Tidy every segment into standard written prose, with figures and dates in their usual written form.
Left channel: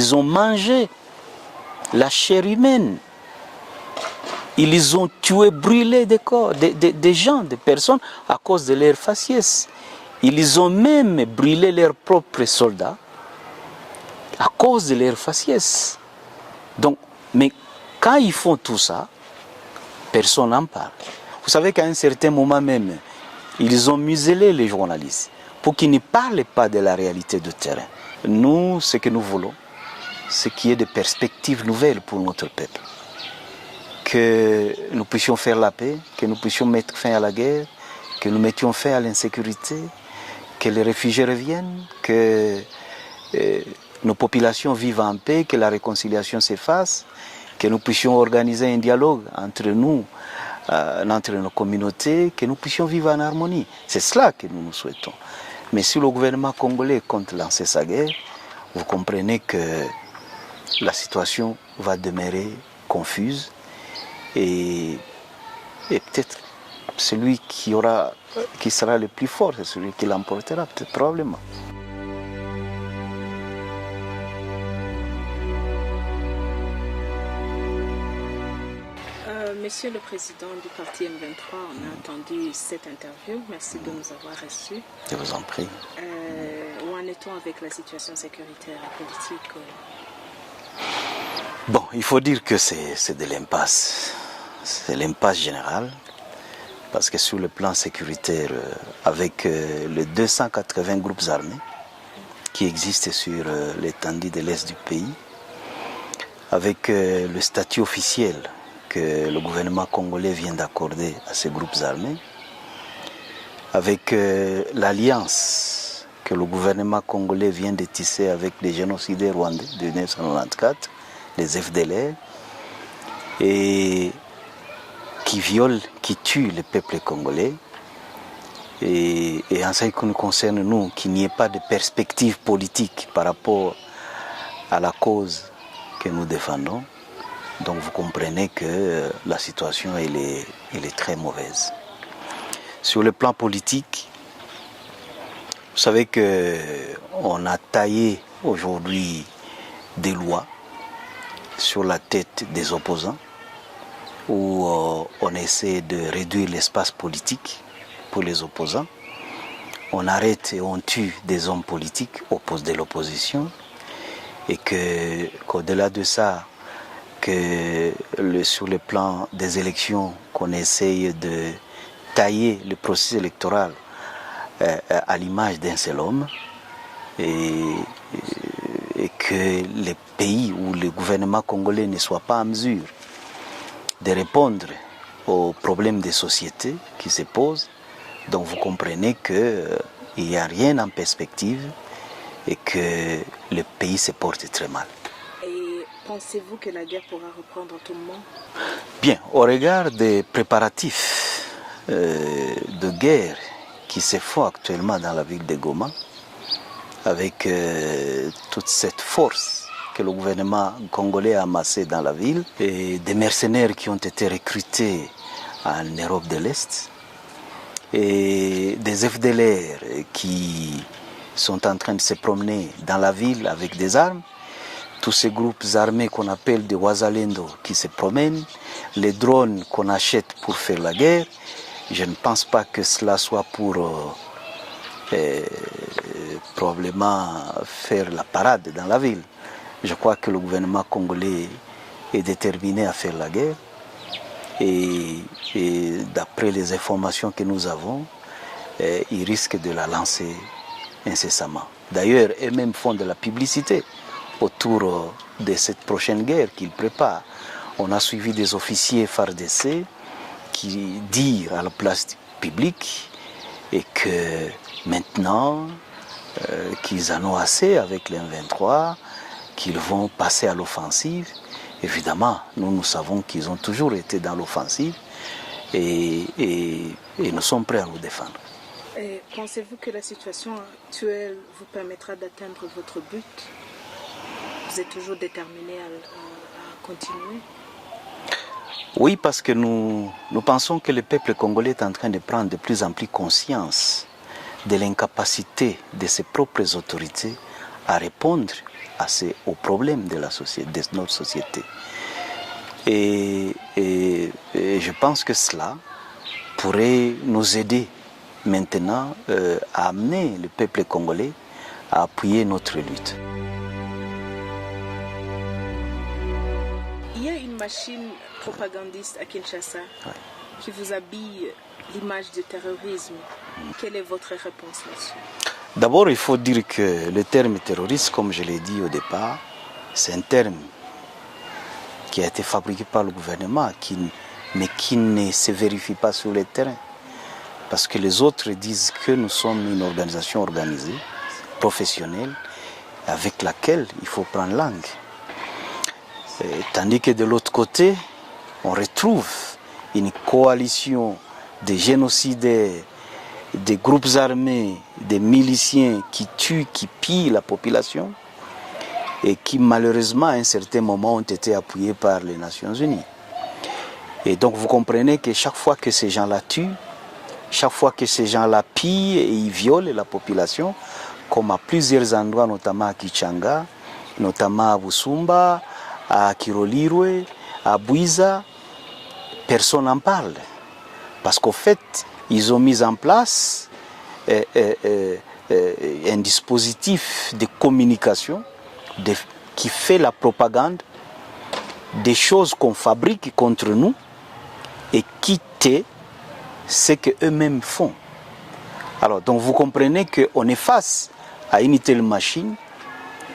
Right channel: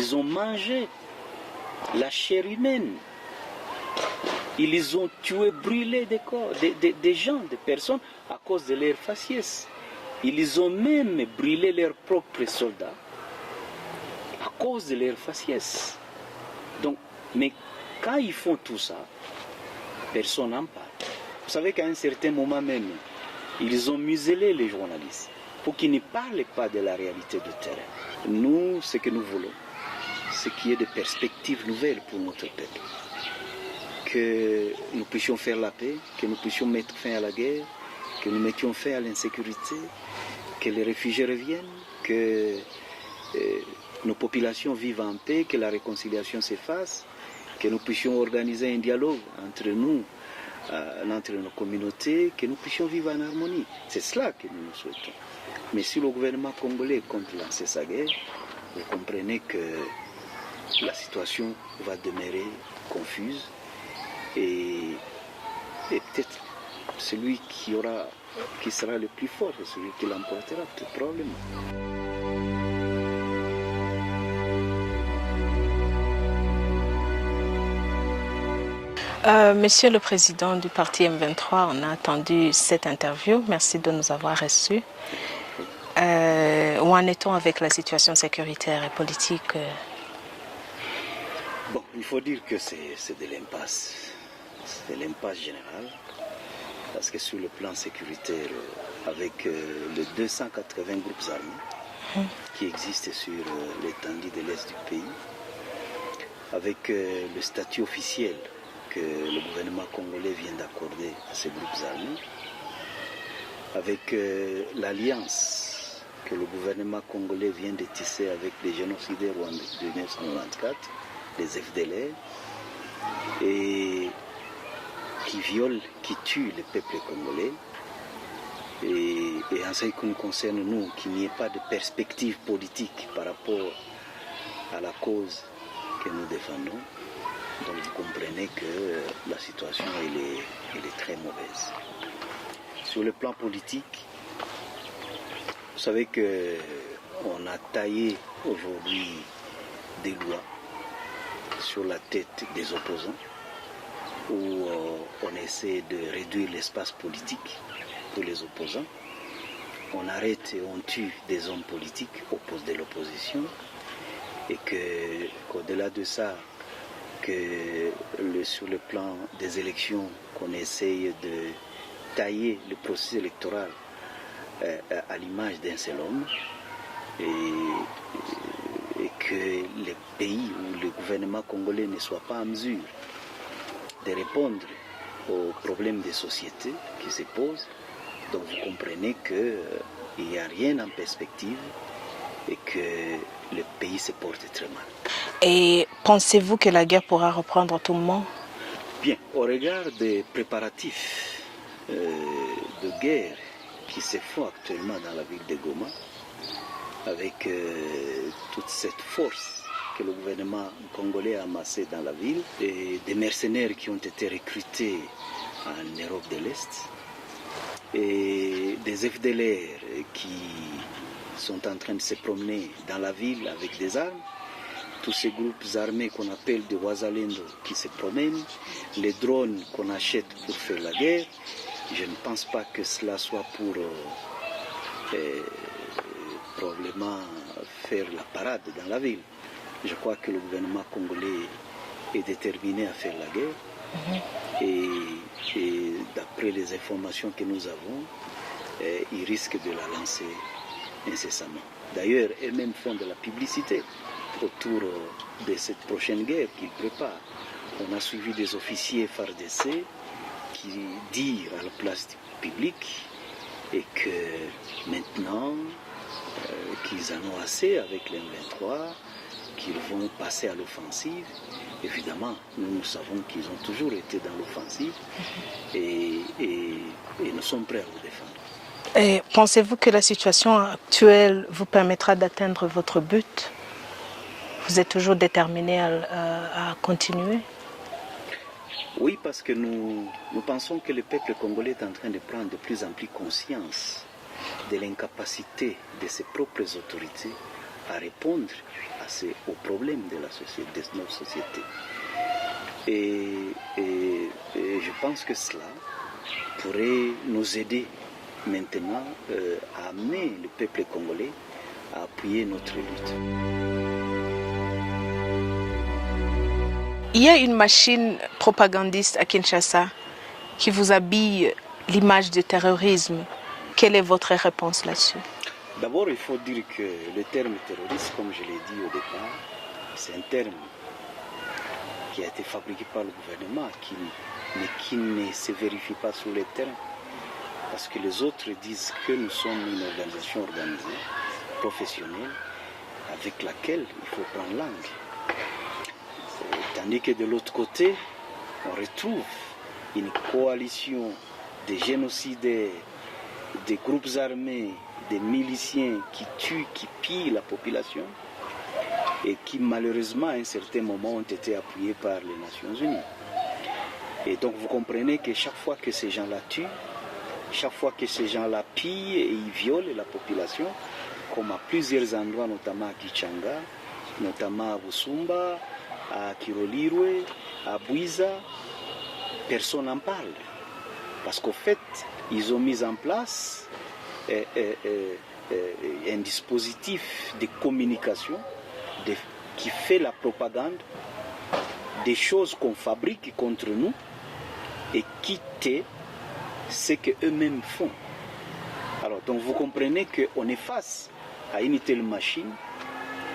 Ils ont mangé la chair humaine. Ils ont tué, brûlé des corps, des gens, des personnes à cause de leur faciès. Ils ont même brûlé leurs propres soldats à cause de leur faciès. Donc, mais quand ils font tout ça, personne n'en parle. Vous savez qu'à un certain moment même, ils ont muselé les journalistes pour qu'ils ne parlent pas de la réalité du terrain. Nous, ce que nous voulons, c'est qu'il y ait des perspectives nouvelles pour notre peuple. Que nous puissions faire la paix, que nous puissions mettre fin à la guerre, que nous mettions fin à l'insécurité, que les réfugiés reviennent, que nos populations vivent en paix, que la réconciliation s'efface, que nous puissions organiser un dialogue entre nous, entre nos communautés, que nous puissions vivre en harmonie. C'est cela que nous souhaitons. Mais si le gouvernement congolais compte lancer sa guerre, vous comprenez que la situation va demeurer confuse et peut-être celui qui sera le plus fort, c'est celui qui l'emportera, peut-être probablement. Monsieur le Président du parti M23, on a attendu cette interview. Merci de nous avoir reçus. Je vous en prie. Où en est-on avec la situation sécuritaire et politique? Bon, il faut dire que c'est de l'impasse. C'est l'impasse générale. Parce que sur le plan sécuritaire, avec les 280 groupes armés qui existent sur l'étendue de l'Est du pays, avec le statut officiel que le gouvernement congolais vient d'accorder à ces groupes armés, avec l'alliance que le gouvernement congolais vient de tisser avec les génocidaires rwandais de 1994, les FDLR, et qui violent, qui tuent le peuple congolais. Et en ce qui nous concerne, nous, qu'il n'y ait pas de perspective politique par rapport à la cause que nous défendons. Donc vous comprenez que la situation elle est très mauvaise. Sur le plan politique, vous savez qu'on a taillé aujourd'hui des lois sur la tête des opposants où on essaie de réduire l'espace politique pour les opposants. On arrête et on tue des hommes politiques de l'opposition et qu'au-delà de ça, sur le plan des élections, qu'on essaye de tailler le processus électoral à l'image d'un seul homme et que les pays où le gouvernement congolais ne soit pas en mesure de répondre aux problèmes des sociétés qui se posent. Donc vous comprenez qu'il n'y a rien en perspective et que le pays se porte très mal. Et pensez-vous que la guerre pourra reprendre tout le monde? Bien, au regard des préparatifs de guerre qui se font actuellement dans la ville de Goma, avec toute cette force que le gouvernement congolais a amassée dans la ville, et des mercenaires qui ont été recrutés en Europe de l'Est, et des FDLR qui sont en train de se promener dans la ville avec des armes, tous ces groupes armés qu'on appelle des Wazalendo qui se promènent, les drones qu'on achète pour faire la guerre, je ne pense pas que cela soit pour probablement faire la parade dans la ville. Je crois que le gouvernement congolais est déterminé à faire la guerre et d'après les informations que nous avons, ils risquent de la lancer incessamment. D'ailleurs, eux-mêmes font de la publicité autour de cette prochaine guerre qu'ils préparent. On a suivi des officiers FARDC qui disent à la place publique et que maintenant qu'ils en ont assez avec les M23, qu'ils vont passer à l'offensive. Évidemment, nous savons qu'ils ont toujours été dans l'offensive et nous sommes prêts à nous défendre. Et pensez-vous que la situation actuelle vous permettra d'atteindre votre but? Vous êtes toujours déterminé à continuer? Oui, parce que nous pensons que le peuple congolais est en train de prendre de plus en plus conscience de l'incapacité de ses propres autorités à répondre aux problèmes de notre société. Et je pense que cela pourrait nous aider maintenant à amener le peuple congolais à appuyer notre lutte. Il y a une machine propagandiste à Kinshasa qui vous habille l'image du terrorisme. Quelle est votre réponse là-dessus? D'abord, il faut dire que le terme terroriste, comme je l'ai dit au départ, c'est un terme qui a été fabriqué par le gouvernement, mais qui ne se vérifie pas sur le terrain. Parce que les autres disent que nous sommes une organisation organisée, professionnelle, avec laquelle il faut prendre langue. Tandis que de l'autre côté, on retrouve une coalition de génocidaires, des groupes armés, des miliciens qui tuent, qui pillent la population et qui malheureusement à un certain moment ont été appuyés par les Nations Unies. Et donc vous comprenez que chaque fois que ces gens-là tuent, chaque fois que ces gens-là pillent et ils violent la population, comme à plusieurs endroits, notamment à Kichanga, notamment à Busumba, à Kirolirwe, à Bouiza, personne n'en parle. Parce qu'au fait, ils ont mis en place un dispositif de communication qui fait la propagande des choses qu'on fabrique contre nous et qui tait ce qu'eux-mêmes font. Alors, donc vous comprenez qu'on est face à une telle machine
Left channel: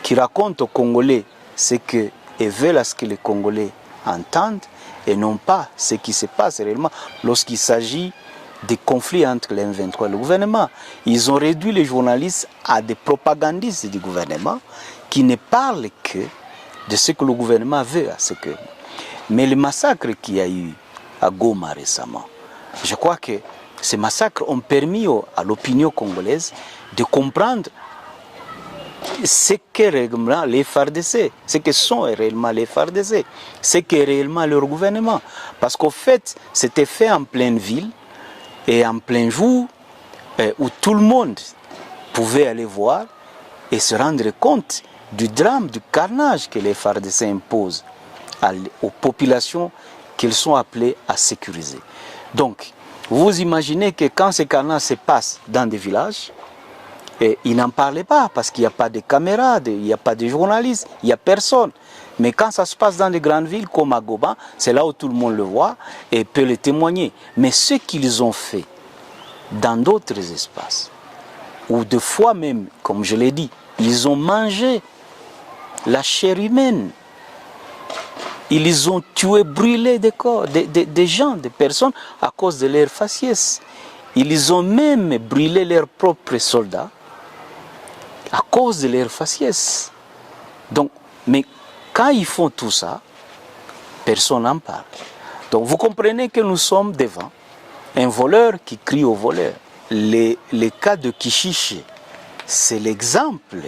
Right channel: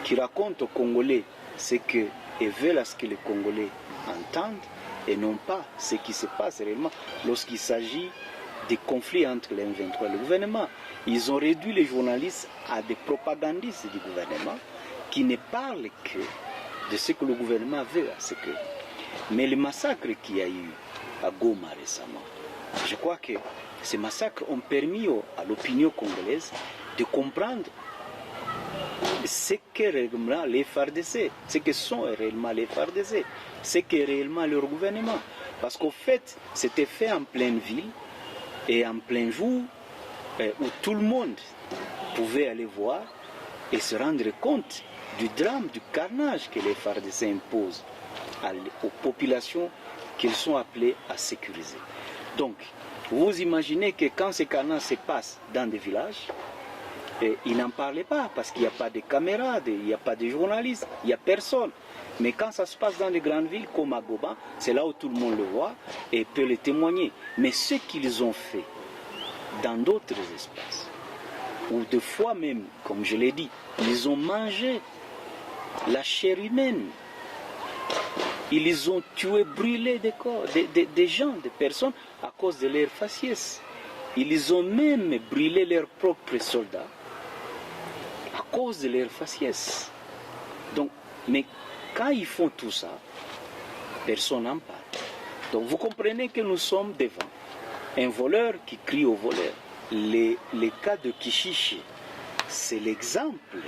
qui raconte aux Congolais ce qu'ils veulent à ce que les Congolais entendent et non pas ce qui se passe réellement lorsqu'il s'agit des conflits entre les M23 et le gouvernement. Ils ont réduit les journalistes à des propagandistes du gouvernement qui ne parlent que de ce que le gouvernement veut. Mais le massacre qu'il y a eu à Goma récemment, je crois que ces massacres ont permis à l'opinion congolaise de comprendre ce qu'est réellement les FARDC, ce que sont réellement les FARDC, ce qu'est réellement leur gouvernement. Parce qu'au fait, c'était fait en pleine ville et en plein jour où tout le monde pouvait aller voir et se rendre compte du drame, du carnage que les FARDC imposent aux populations qu'ils sont appelés à sécuriser. Donc, vous imaginez que quand ces carnages se passent dans des villages, ils n'en parlaient pas parce qu'il n'y a pas de caméras, il n'y a pas de journalistes, il n'y a personne. Mais quand ça se passe dans des grandes villes comme à Goma, c'est là où tout le monde le voit et peut le témoigner. Mais ce qu'ils ont fait dans d'autres espaces, ou des fois même, comme je l'ai dit, ils ont mangé la chair humaine. Ils ont tué, brûlé des corps, des gens, des personnes à cause de leur faciès. Ils ont même brûlé leurs propres soldats à cause de leur faciès. Donc, mais quand ils font tout ça, personne n'en parle. Donc vous comprenez que nous sommes devant un voleur qui crie au voleur. Les cas de Kishiché, c'est l'exemple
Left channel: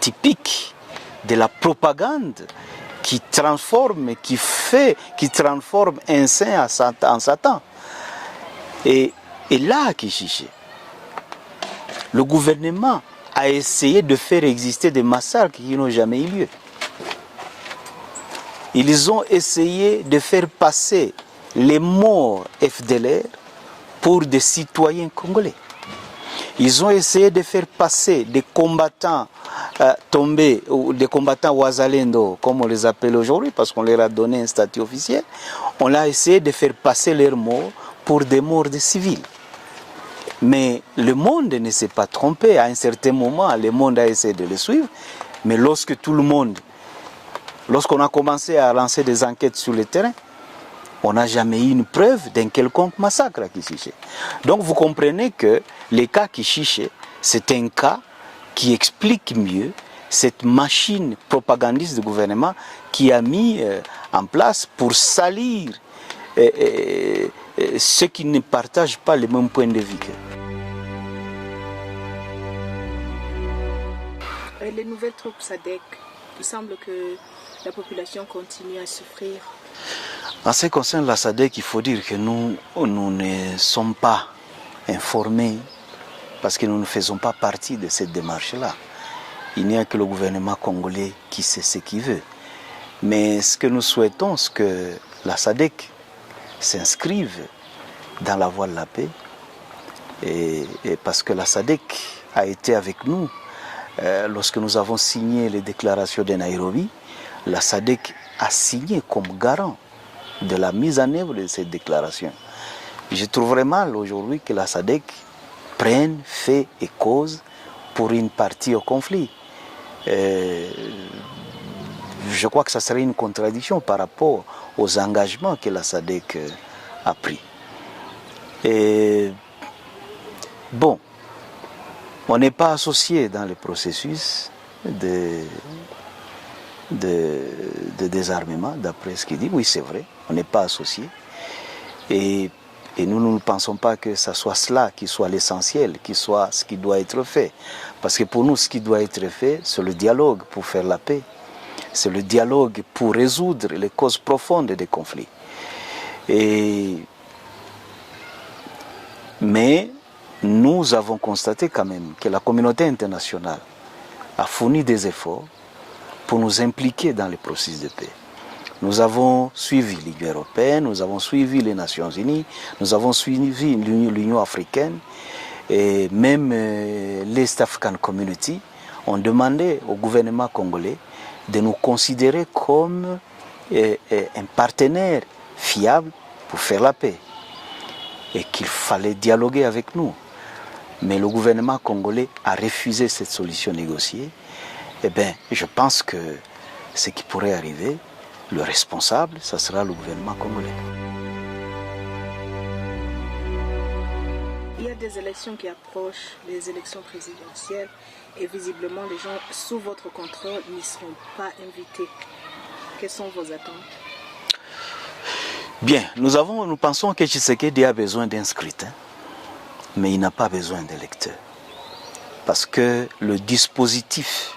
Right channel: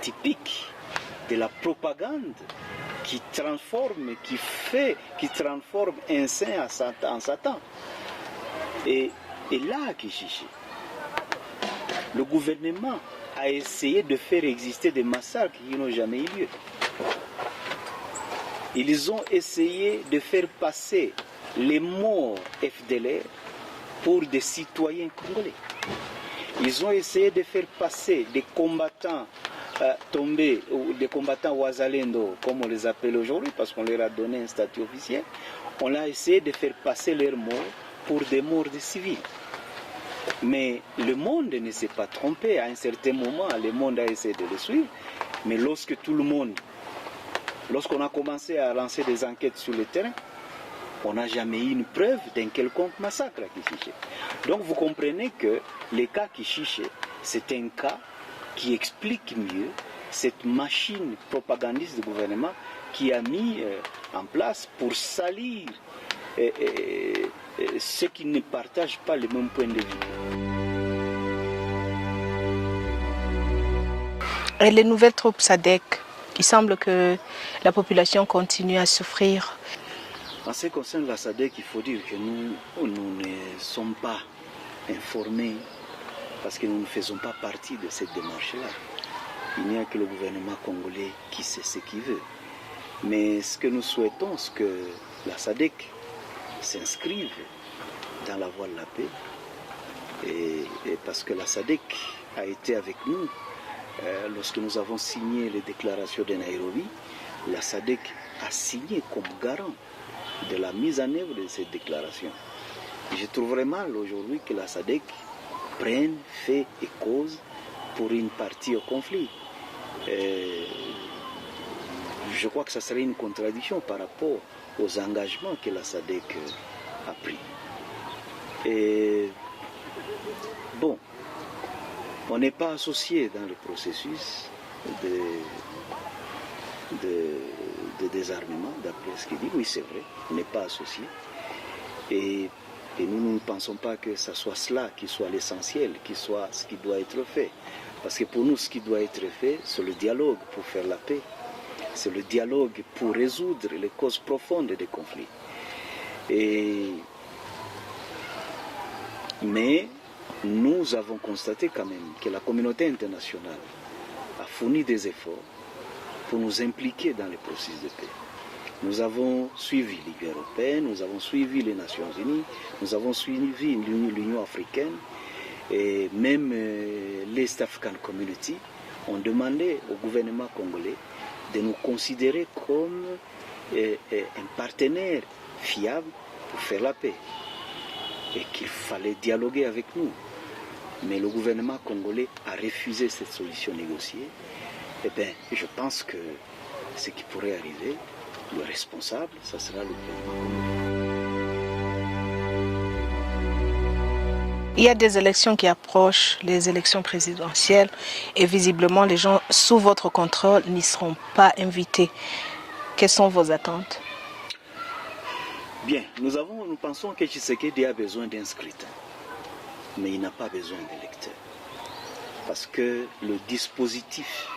typique de la propagande qui transforme un saint en Satan. Et là, à Kishiché, le gouvernement a essayé de faire exister des massacres qui n'ont jamais eu lieu. Ils ont essayé de faire passer les morts FDLR pour des citoyens congolais. Ils ont essayé de faire passer des combattants tombés, ou des combattants Wazalendo, comme on les appelle aujourd'hui, parce qu'on leur a donné un statut officiel. On a essayé de faire passer leurs morts pour des morts de civils. Mais le monde ne s'est pas trompé. À un certain moment, le monde a essayé de le suivre. Mais lorsqu'on a commencé à lancer des enquêtes sur le terrain, on n'a jamais eu une preuve d'un quelconque massacre à Kishiché. Donc vous comprenez que le cas Kishiché, c'est un cas qui explique mieux cette machine propagandiste du gouvernement qui a mis en place pour salir ceux qui ne partagent pas le même point de vue qu'eux. Et les nouvelles troupes SADC, il semble que la population continue à souffrir. En ce qui concerne la SADC, il faut dire que nous ne sommes pas informés parce que nous ne faisons pas partie de cette démarche-là. il n'y a que le gouvernement congolais qui sait ce qu'il veut. Mais ce que nous souhaitons, c'est que la SADC s'inscrive dans la voie de la paix. Et parce que la SADC a été avec nous lorsque nous avons signé les déclarations de Nairobi. La SADC a signé comme garant de la mise en œuvre de cette déclaration. Je trouverais mal aujourd'hui que la SADC prenne, fait et cause pour une partie au conflit. Je crois que ça serait une contradiction par rapport aux engagements que la SADC a pris. Et bon, on n'est pas associé dans le processus de désarmement, d'après ce qu'il dit. Oui, c'est vrai, on n'est pas associé. Et nous ne pensons pas que ce soit cela qui soit l'essentiel, qui soit ce qui doit être fait. Parce que pour nous, ce qui doit être fait, c'est le dialogue pour faire la paix. C'est le dialogue pour résoudre les causes profondes des conflits. Mais nous avons constaté quand même que la communauté internationale a fourni des efforts pour nous impliquer dans le processus de paix. Nous avons suivi l'Union européenne, nous avons suivi les Nations Unies, nous avons suivi l'Union africaine et même l'East African Community ont demandé au gouvernement congolais de nous considérer comme un partenaire fiable pour faire la paix et qu'il fallait dialoguer avec nous. Mais le gouvernement congolais a refusé cette solution négociée. Eh bien, je pense que ce qui pourrait arriver, le responsable, ça sera le gouvernement congolais. Il y a des élections qui approchent, les élections présidentielles, et visiblement les gens sous votre contrôle n'y seront pas invités. Quelles sont vos attentes? Bien, nous pensons que Tshisekedi a besoin d'un scrutin, mais il n'a pas besoin d'électeurs. Parce que le dispositif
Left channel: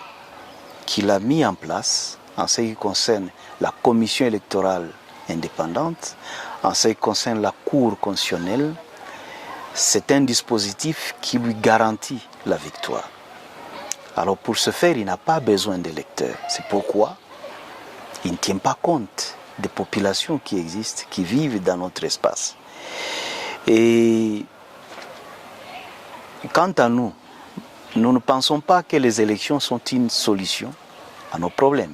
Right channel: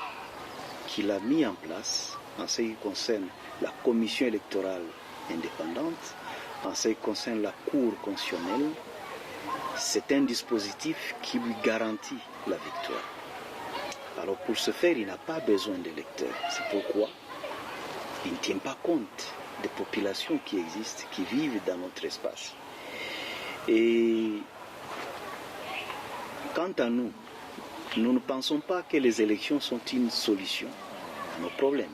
qu'il a mis en place, en ce qui concerne la commission électorale indépendante, en ce qui concerne la Cour constitutionnelle, c'est un dispositif qui lui garantit la victoire. Alors pour ce faire, il n'a pas besoin d'électeurs. C'est pourquoi il ne tient pas compte des populations qui existent, qui vivent dans notre espace. Et quant à nous, nous ne pensons pas que les élections sont une solution à nos problèmes.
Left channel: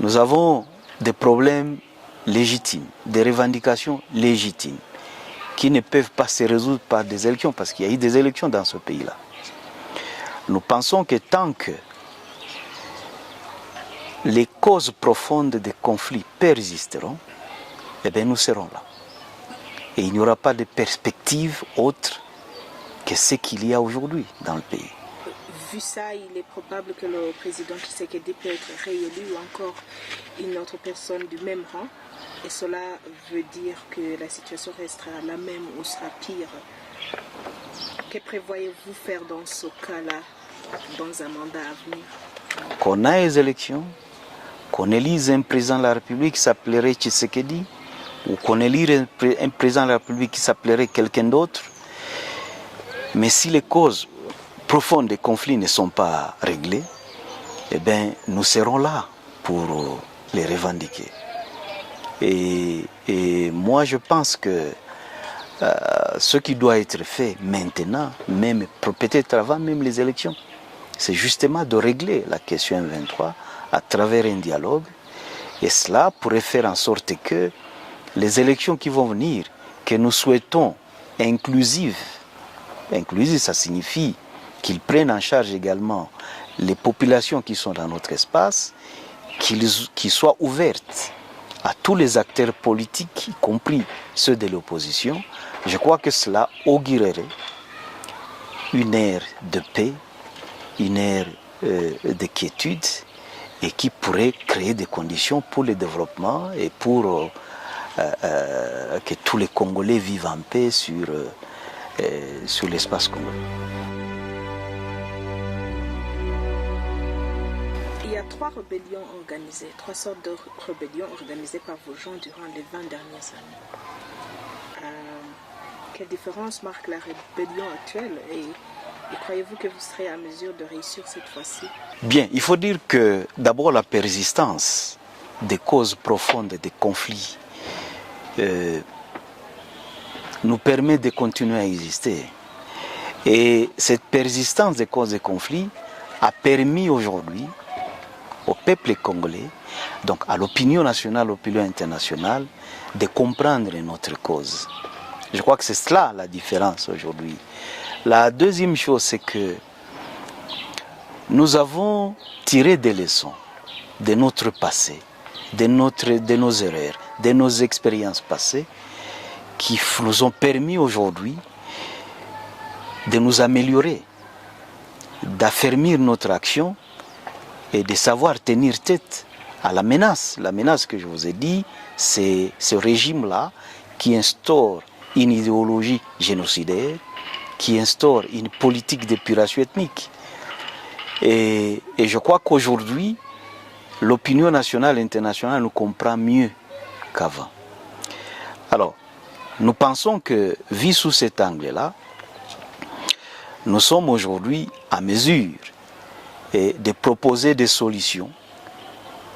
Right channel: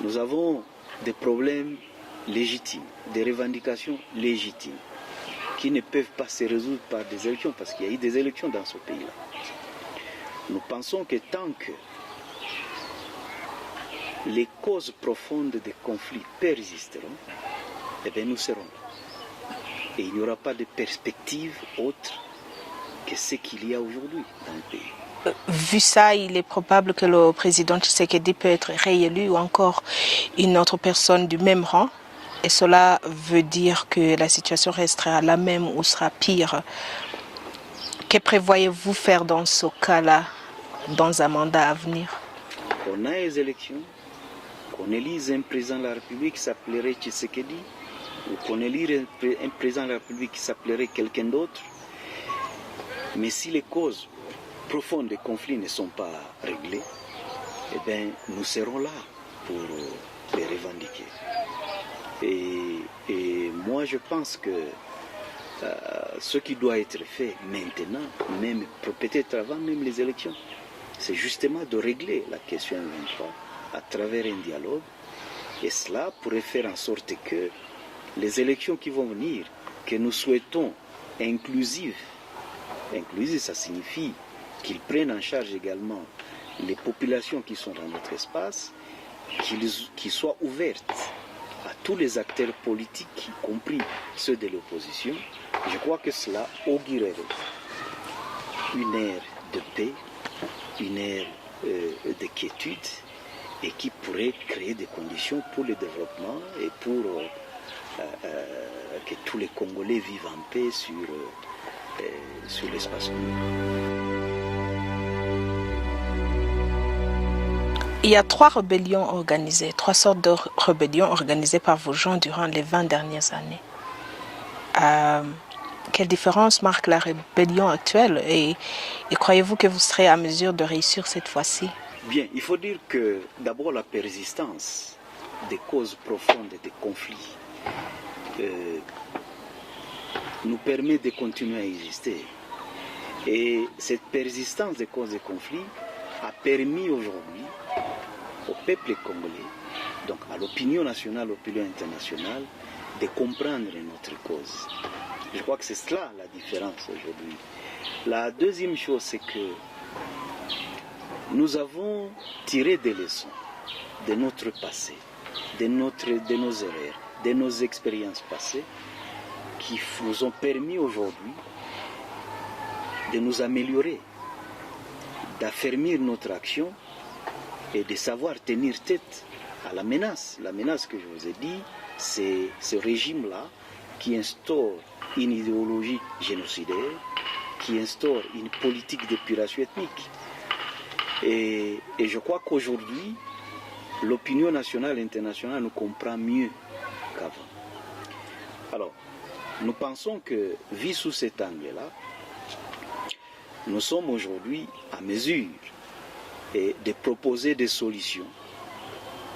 Nous avons des problèmes légitimes, des revendications légitimes qui ne peuvent pas se résoudre par des élections, parce qu'il y a eu des élections dans ce pays-là. Nous pensons que tant que les causes profondes des conflits persisteront, eh bien nous serons là. Et il n'y aura pas de perspective autre que ce qu'il y a aujourd'hui dans le pays. Vu ça, il est probable que le président Tshisekedi peut être réélu ou encore une autre personne du même rang. Et cela veut dire que la situation restera la même ou sera pire. Que prévoyez-vous faire dans ce cas-là, dans un mandat à venir? Qu'on ait les élections, qu'on élise un président de la République qui s'appellerait Tshisekedi, ou qu'on élise un président de la République qui s'appellerait quelqu'un d'autre. Mais si les causes profondes des conflits ne sont pas réglées, eh bien, nous serons là pour les revendiquer. Et moi, je pense que ce qui doit être fait maintenant, même peut-être avant même les élections, c'est justement de régler la question M23 à travers un dialogue. Et cela pourrait faire en sorte que les élections qui vont venir, que nous souhaitons inclusives, ça signifie qu'ils prennent en charge également les populations qui sont dans notre espace, qu'ils soient ouvertes à tous les acteurs politiques, y compris ceux de l'opposition. Je crois que cela augurerait une ère de paix, une ère de quiétude, et qui pourrait créer des conditions pour le développement et pour que tous les Congolais vivent en paix sur l'espace congolais. Il y a 3 rébellions organisées, 3 sortes de rébellions organisées par vos gens durant les 20 dernières années. Quelle différence marque la rébellion actuelle et croyez-vous que vous serez à mesure de réussir cette fois-ci? Bien, il faut dire que d'abord la persistance des causes profondes des conflits nous permet de continuer à exister. Et cette persistance des causes des conflits a permis aujourd'hui au peuple congolais, donc à l'opinion nationale, à l'opinion internationale, de comprendre notre cause. Je crois que c'est cela la différence aujourd'hui. La deuxième chose, c'est que nous avons tiré des leçons de notre passé, de nos erreurs, de nos expériences passées, qui nous ont permis aujourd'hui de nous améliorer, d'affermir notre action et de savoir tenir tête à la menace. La menace que je vous ai dit, c'est ce régime-là qui instaure une idéologie génocidaire, qui instaure une politique d'épuration ethnique. Et je crois qu'aujourd'hui, l'opinion nationale et internationale nous comprend mieux qu'avant. Alors, nous pensons que, vu sous cet angle-là, nous sommes aujourd'hui à mesure de proposer des solutions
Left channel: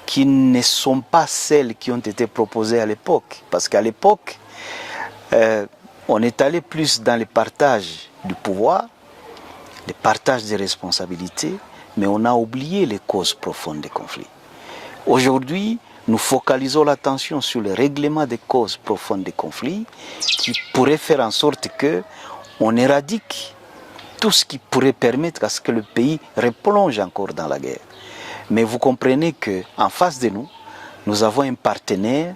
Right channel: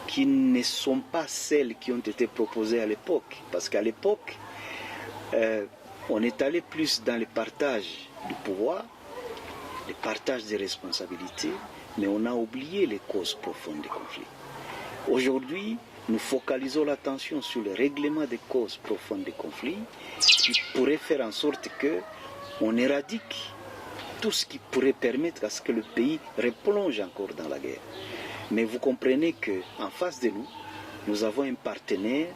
qui ne sont pas celles qui ont été proposées à l'époque. Parce qu'à l'époque, on est allé plus dans le partage du pouvoir, le partage des responsabilités, mais on a oublié les causes profondes des conflits. Aujourd'hui, nous focalisons l'attention sur le règlement des causes profondes des conflits qui pourrait faire en sorte qu'on éradique tout ce qui pourrait permettre à ce que le pays replonge encore dans la guerre. Mais vous comprenez qu'en face de nous, nous avons un partenaire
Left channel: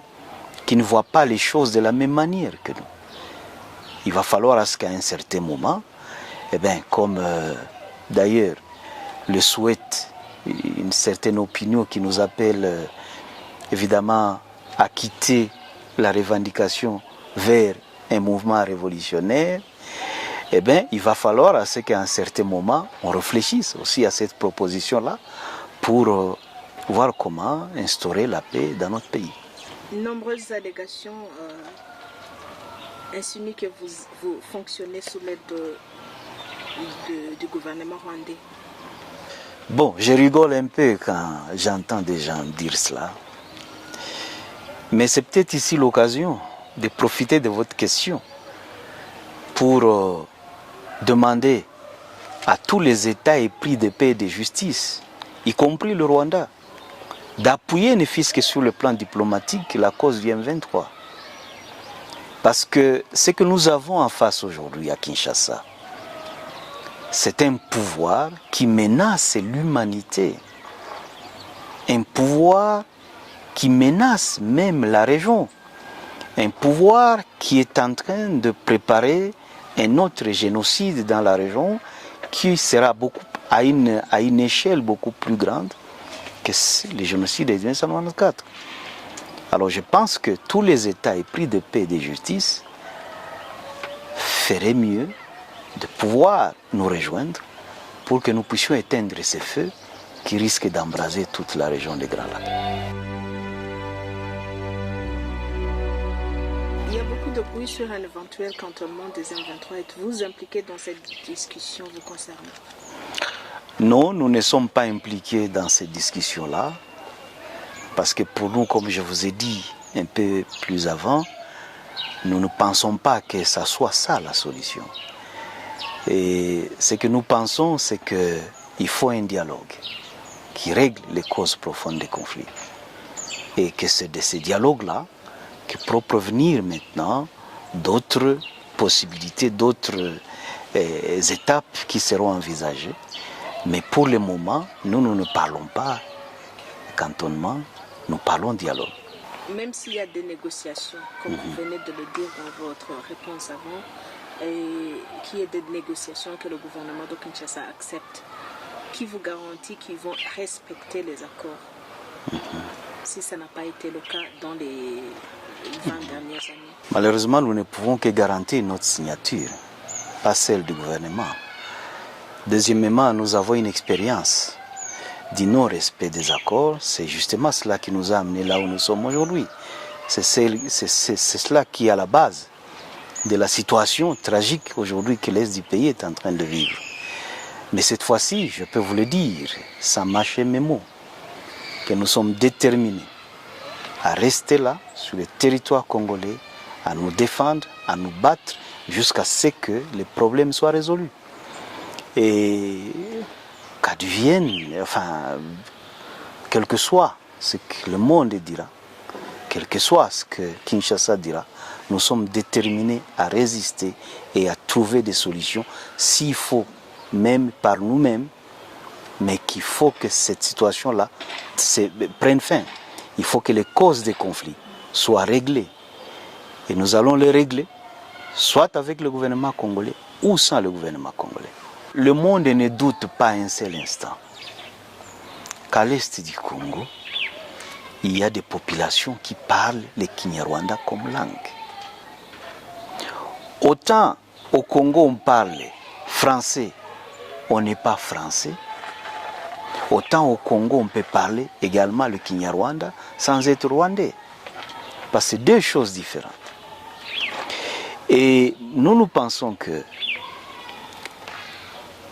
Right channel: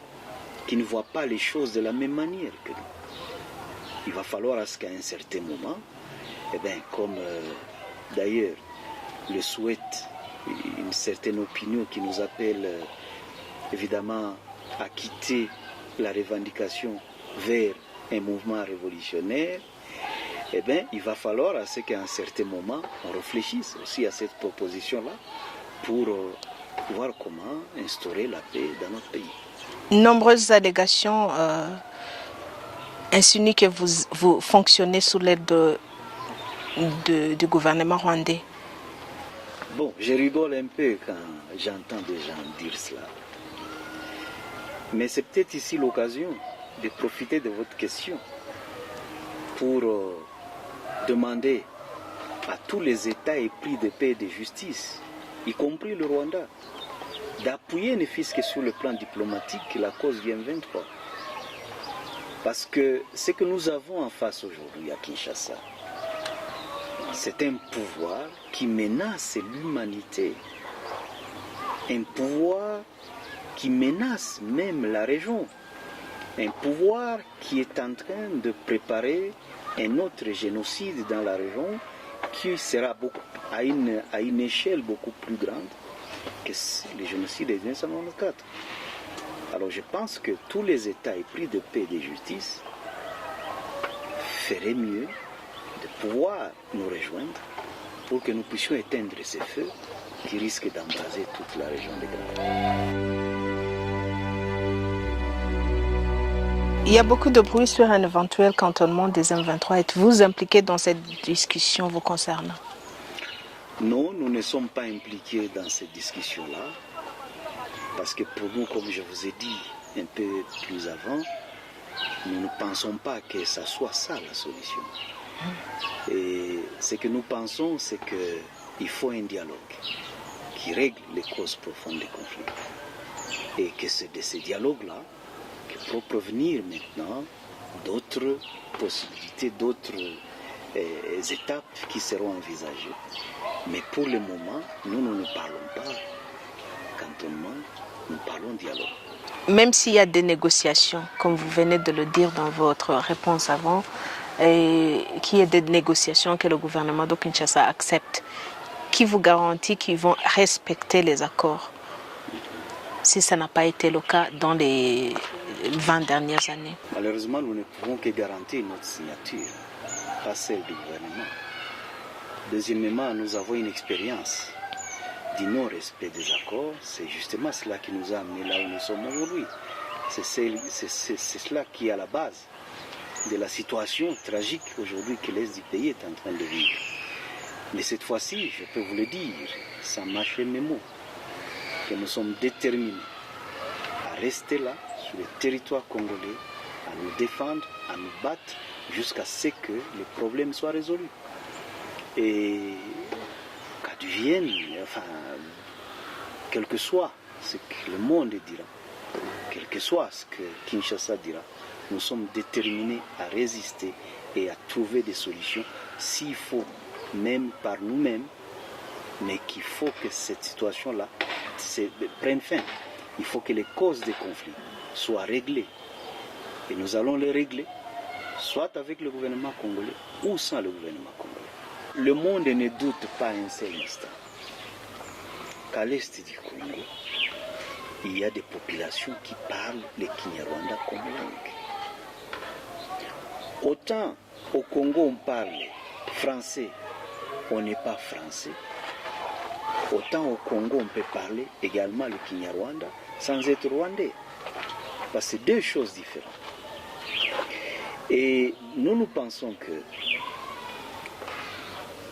qui ne voit pas les choses de la même manière que nous. Il va falloir à ce qu'à un certain moment, comme d'ailleurs le souhaite une certaine opinion qui nous appelle évidemment à quitter la revendication vers un mouvement révolutionnaire, il va falloir à ce qu'à un certain moment, on réfléchisse aussi à cette proposition-là pour voir comment instaurer la paix dans notre pays. Nombreuses allégations insinuent que vous fonctionnez sous l'aide du gouvernement rwandais. Bon, je rigole un peu quand j'entends des gens dire cela. Mais c'est peut-être ici l'occasion de profiter de votre question pour demander à tous les États épris de paix et de justice, y compris le Rwanda, d'appuyer ne fût-ce que sur le plan diplomatique la cause du M23. Parce que ce que nous avons en face aujourd'hui à Kinshasa, c'est un pouvoir qui menace l'humanité, un pouvoir qui menace même la région, un pouvoir qui est en train de préparer un autre génocide dans la région qui sera à une échelle beaucoup plus grande que le génocide de 1994. Alors je pense que tous les États épris de paix et de justice feraient mieux de pouvoir nous rejoindre pour que nous puissions éteindre ces feux qui risquent d'embraser toute la région des Grands Lacs. Il y a beaucoup de bruit sur un éventuel cantonnement des M23. Êtes-vous impliqué dans cette discussion vous concernant? Non, nous ne sommes pas impliqués dans cette discussion-là, parce que pour nous, comme je vous ai dit un peu plus avant, nous ne pensons pas que ça soit ça la solution. Et ce que nous pensons, c'est qu'il faut un dialogue qui règle les causes profondes des conflits. Et que c'est de ce dialogue-là que pourront provenir maintenant d'autres possibilités, d'autres étapes qui seront envisagées. Mais pour le moment, nous ne parlons pas cantonnement, nous parlons dialogue. Même s'il y a des négociations, comme vous venez de le dire dans votre réponse avant, et qu'il y ait des négociations que le gouvernement de Kinshasa accepte, qui vous garantit qu'ils vont respecter les accords si ça n'a pas été le cas dans les 20 dernières années? Malheureusement, nous ne pouvons que garantir notre signature, pas celle du gouvernement. Deuxièmement, nous avons une expérience du non-respect des accords. C'est justement cela qui nous a amenés là où nous sommes aujourd'hui. C'est cela qui est à la base de la situation tragique aujourd'hui que l'Est du pays est en train de vivre. Mais cette fois-ci, je peux vous le dire, sans mâcher mes mots, que nous sommes déterminés à rester là, sur le territoire congolais, à nous défendre, à nous battre, jusqu'à ce que les problèmes soient résolus. Et qu'advienne, enfin, quel que soit ce que le monde dira, quel que soit ce que Kinshasa dira, nous sommes déterminés à résister et à trouver des solutions, s'il faut même par nous-mêmes, mais qu'il faut que cette situation-là prenne fin. Il faut que les causes des conflits soient réglées. Et nous allons les régler, soit avec le gouvernement congolais ou sans le gouvernement congolais. Le monde ne doute pas un seul instant qu'à l'est du Congo, il y a des populations qui parlent le Kinyarwanda comme langue. Autant au Congo on parle français, on n'est pas français. Autant au Congo on peut parler également le Kinyarwanda sans être rwandais. Parce que c'est deux choses différentes. Et nous pensons que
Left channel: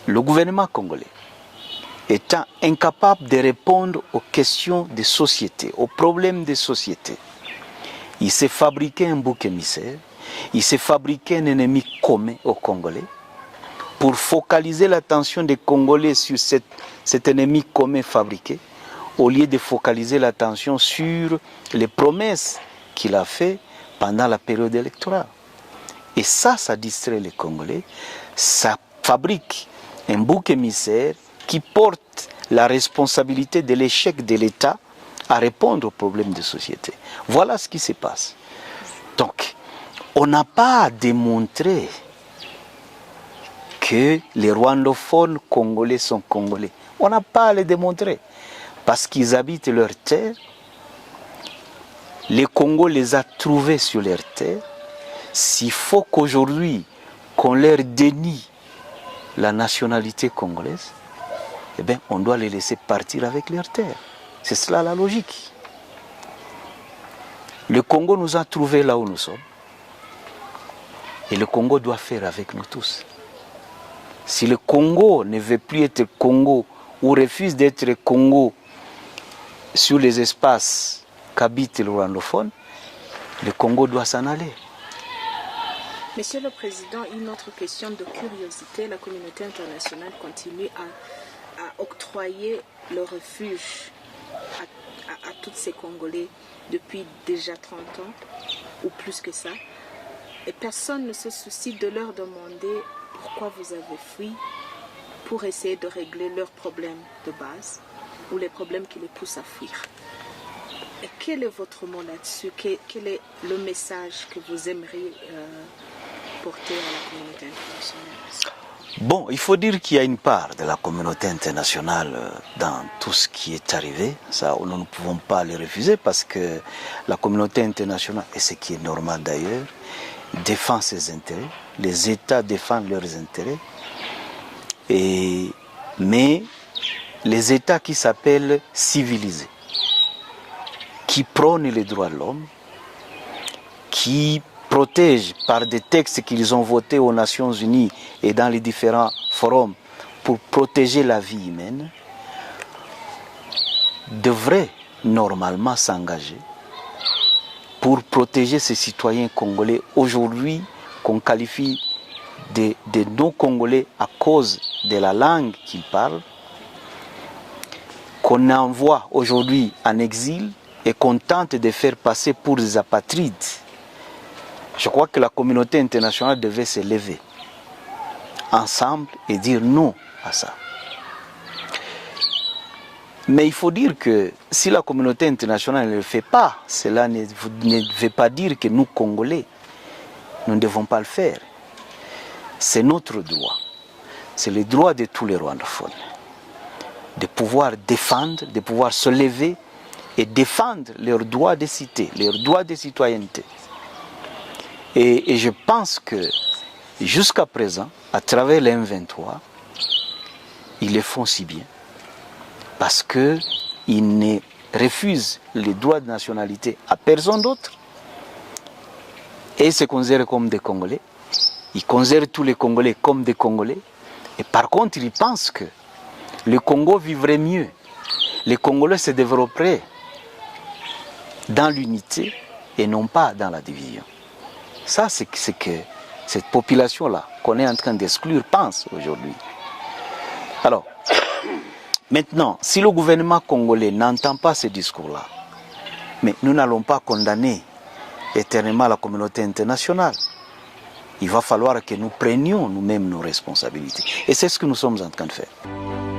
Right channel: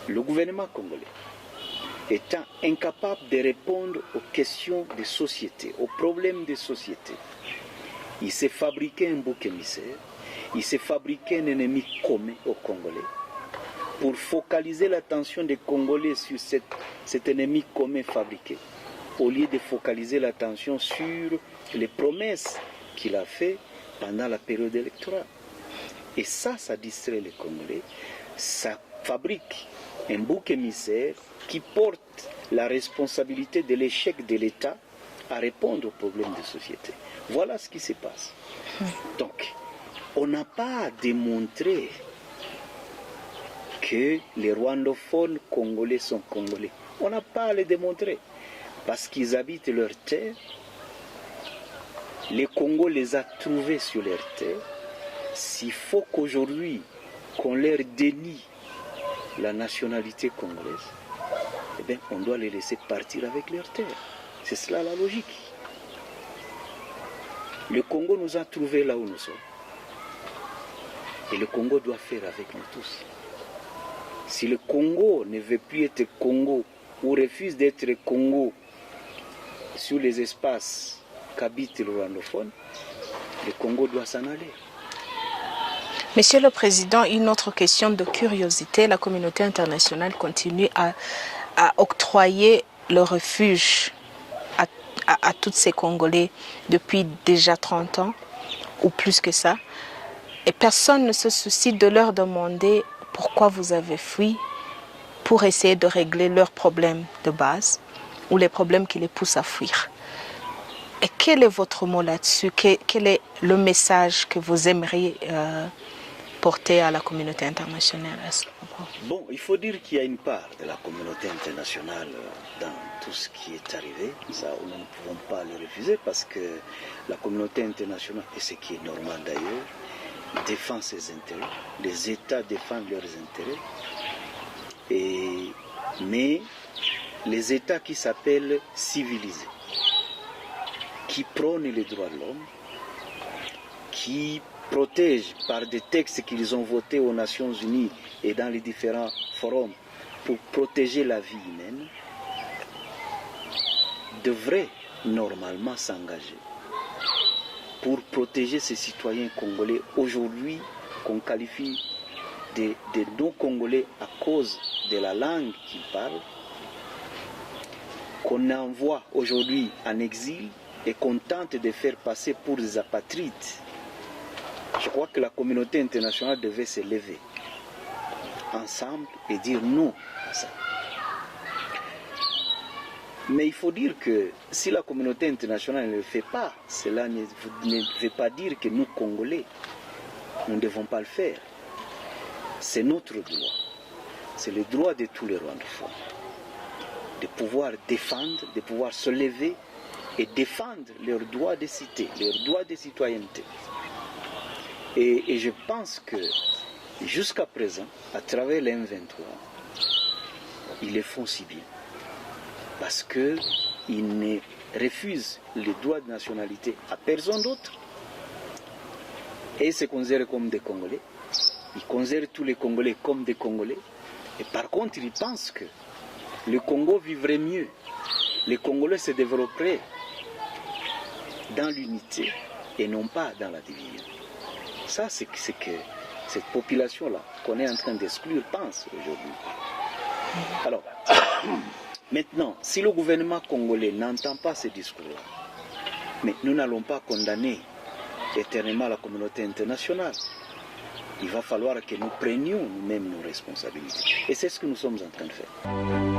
le gouvernement congolais étant incapable de répondre aux questions des sociétés, aux problèmes des sociétés, il s'est fabriqué un bouc émissaire, il s'est fabriqué un ennemi commun aux Congolais pour focaliser l'attention des Congolais sur cet ennemi commun fabriqué, au lieu de focaliser l'attention sur les promesses qu'il a faites pendant la période électorale. Et ça distrait les Congolais, ça fabrique un bouc émissaire qui porte la responsabilité de l'échec de l'État à répondre aux problèmes de société. Voilà ce qui se passe. Donc, on n'a pas à démontrer que les rwandophones congolais sont congolais. On n'a pas à les démontrer. Parce qu'ils habitent leur terre. Le Congo les a trouvés sur leur terre. S'il faut qu'aujourd'hui, qu'on leur dénie la nationalité congolaise, eh bien, on doit les laisser partir avec leur terre. C'est cela la logique. Le Congo nous a trouvés là où nous sommes. Et le Congo doit faire avec nous tous. Si le Congo ne veut plus être Congo ou refuse d'être Congo sur les espaces qu'habite le rwandophone, le Congo doit s'en aller. Monsieur le Président, une autre question de curiosité. La communauté internationale continue à octroyer le refuge à tous ces Congolais depuis déjà 30 ans, ou plus que ça. Et personne ne se soucie de leur demander pourquoi vous avez fui, pour essayer de régler leurs problèmes de base ou les problèmes qui les poussent à fuir. Et quel est votre mot là-dessus? Quel est le message que vous aimeriez porter à la communauté internationale? Bon, il faut dire qu'il y a une part de la communauté internationale dans tout ce qui est arrivé. Ça, nous ne pouvons pas le refuser parce que la communauté internationale, et ce qui est normal d'ailleurs, défend ses intérêts. Les États défendent leurs intérêts. Mais les États qui s'appellent civilisés, qui prônent les droits de l'homme, qui protègent par des textes qu'ils ont votés aux Nations Unies et dans les différents forums pour protéger la vie humaine, devraient normalement s'engager pour protéger ces citoyens congolais aujourd'hui qu'on qualifie de non-congolais à cause de la langue qu'ils parlent, qu'on envoie aujourd'hui en exil et qu'on tente de faire passer pour des apatrides. Je crois que la communauté internationale devait se lever ensemble et dire non à ça. Mais il faut dire que si la communauté internationale ne le fait pas, cela ne veut pas dire que nous, Congolais, nous ne devons pas le faire. C'est notre droit. C'est le droit de tous les rwandophones de pouvoir défendre, de pouvoir se lever et défendre leurs droits de cité, leurs droits de citoyenneté. Et je pense que jusqu'à présent, à travers les M23, ils le font si bien. Parce qu'ils ne refusent les droits de nationalité à personne d'autre. Et ils se considèrent comme des Congolais. Ils considèrent tous les Congolais comme des Congolais. Et par contre, ils pensent que le Congo vivrait mieux. Les Congolais se développeraient dans l'unité et non pas dans la division. Ça, c'est que cette population-là qu'on est en train d'exclure pense aujourd'hui. Alors, maintenant, si le gouvernement congolais n'entend pas ce discours-là, mais nous n'allons pas condamner éternellement la communauté internationale. Il va falloir que nous prenions nous-mêmes nos responsabilités. Et c'est ce que nous sommes en train de faire.